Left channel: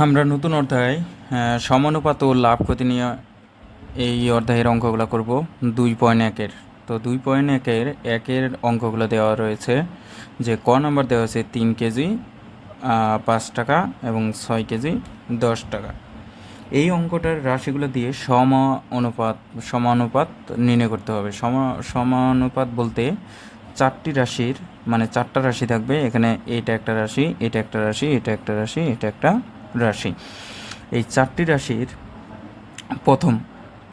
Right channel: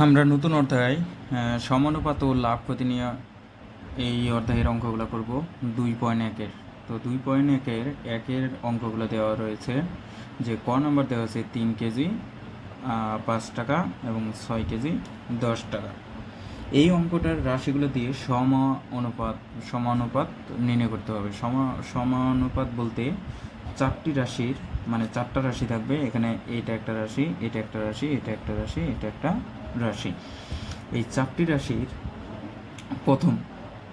আমরা নতুন অধ্যায় সমানুপাত ও লাভ ক্ষতি নিয়ে এই অধ্যায়ের অঙ্কগুলো করব 2.1-এর। তো 2.1-এর একের অঙ্কগুলো দেওয়া রয়েছে যে ক নাম্বার দেওয়া আছে 3 কেজি 5 টাকা এবং 6 কেজি 10 টাকা। এই অঙ্কটার রাশিগুলো দিয়ে সমানুপাত নির্ণয় করতে হবে। সমানুপাত বলতে চারটি রাশির মানে চারটা রাশি থাকবে। এখানে এটা একটা রাশি, এটা একটা রাশি, এটা একটা রাশি, এটা একটা রাশি। এই চারটি রাশির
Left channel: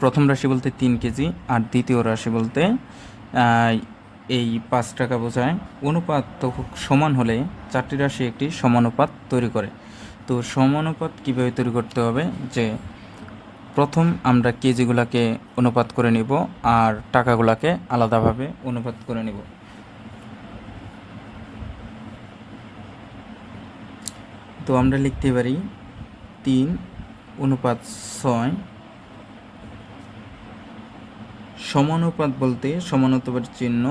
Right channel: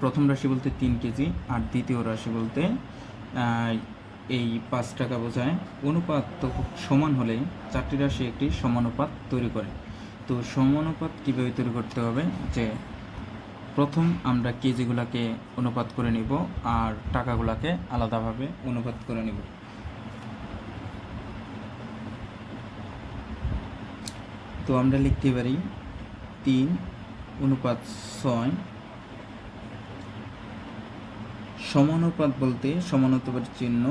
প্রথম রাশি বলতে 3 কেজি আর দ্বিতীয় রাশি বলতে এই 5 টাকা বোঝায়। অনুপাত তো সমান হলে চারটি রাশি একটি সমানুপাত তৈরি করে। তো সমানুপাত কীভাবে তৈরি করতে হবে, যে প্রথম আমরা কেজিগুলোকে অনুপাত করে নিব আর টাকাগুলোকে আলাদাভাবে অনুপাত করে নিব। তো আমরা লিখতে পারি 3:6। সমানুপাত বলতে সমানুপাতের চিহ্ন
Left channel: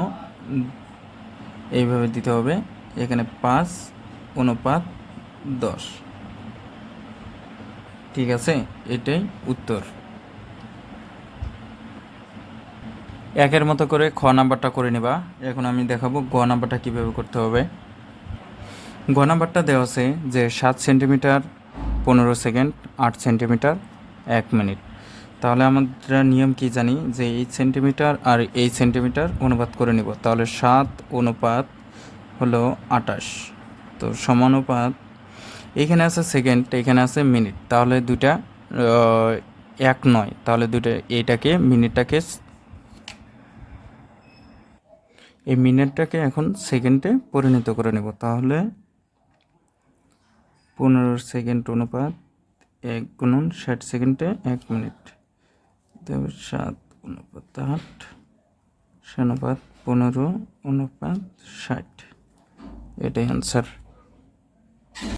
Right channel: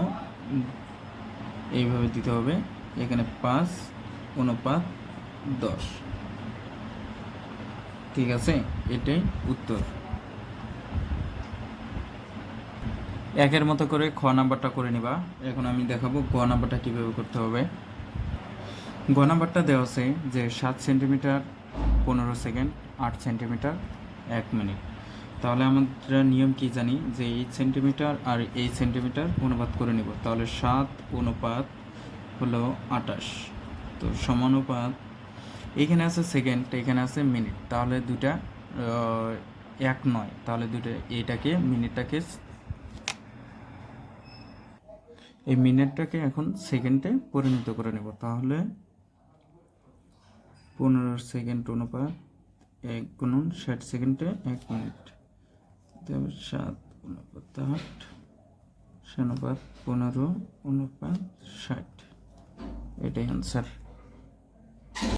এইভাবে দিতে হবে, এখানে 5:10। ঠিক আছে, এটাই উত্তর। একের মতো করে খ নাম্বারটা করে নেবা। এখন আমি দেখাবো গ নাম্বারটা কীভাবে করতে হবে। গ নাম্বারটা দেওয়া আছে যে 7 সেন্টিমিটার 15 সেকেন্ড, 8 সেন্টিমিটার 1 মিনিট। তাহলে আমরা নিয়ম কি জানি, যে এই সেন্টিমিটার আর এই সেন্টিমিটার অনুপাত করে নিব। তাহলে 7 অনুপাত হলো 28। তো সমানুপাত এইখানে আছে সেকেন্ড, এখানে আছে মিনিট, তাহলে দুইটা এক নয়, তাহলে দুইটা এইটাকে এই মিনিটটাকে এখন সেকেন্ডে পরিণত করে নেব। তাহলে 15 সেকেন্ড অনুপাত 1 গুণন 60 সেকেন্ডে 1 মিনিট, 7:8 অনুপাত 15 অনুপাত 60, এটাই অ্যান্সার।